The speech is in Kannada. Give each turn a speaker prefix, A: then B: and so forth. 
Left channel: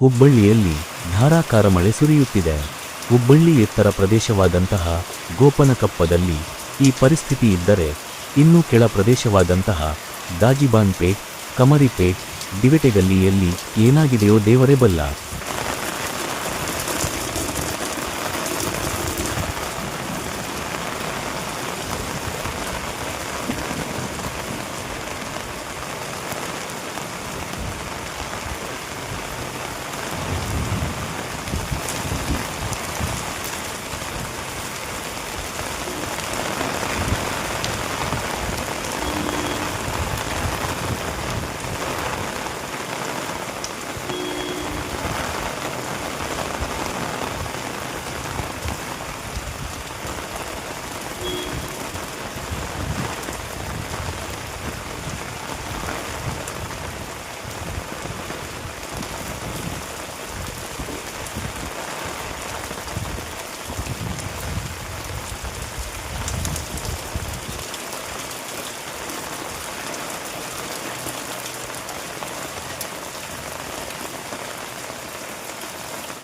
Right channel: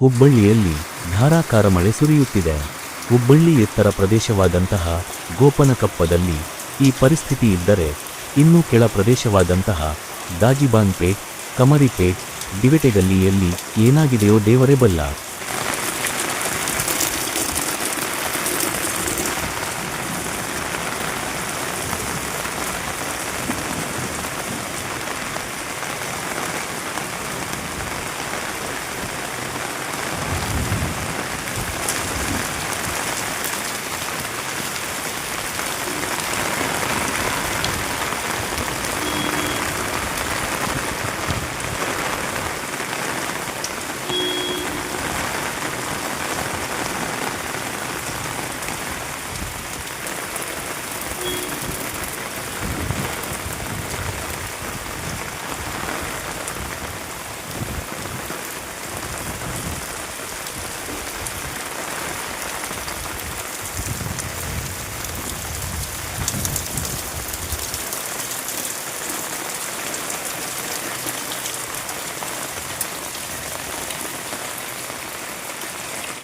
A: ಹುಬ್ಬಳ್ಳಿಯಲ್ಲಿ ಧಾರಾಕಾರ ಮಳೆ ಸುರಿಯುತ್ತಿದೆ. ಹುಬ್ಬಳ್ಳಿ ಎತ್ತರ ಪ್ರದೇಶವಾದಂತಹ ಗೋಪನಕಪ್ಪದಲ್ಲಿ ಈ ಪರಿಸ್ಥಿತಿ ಇದ್ದರೆ ಇನ್ನೂ ಕೆಳ ಪ್ರದೇಶವಾದಂತಹ ದಾಜಿಬಾನ್ಪೇಟ್, ಕಮರಿಪೇಟ್, ದಿವೆಟೆಗಲ್ಲಿಯಲ್ಲಿ ಏನಾಗಿದೆಯೋ ದೇವರೇ ಬಲ್ಲ.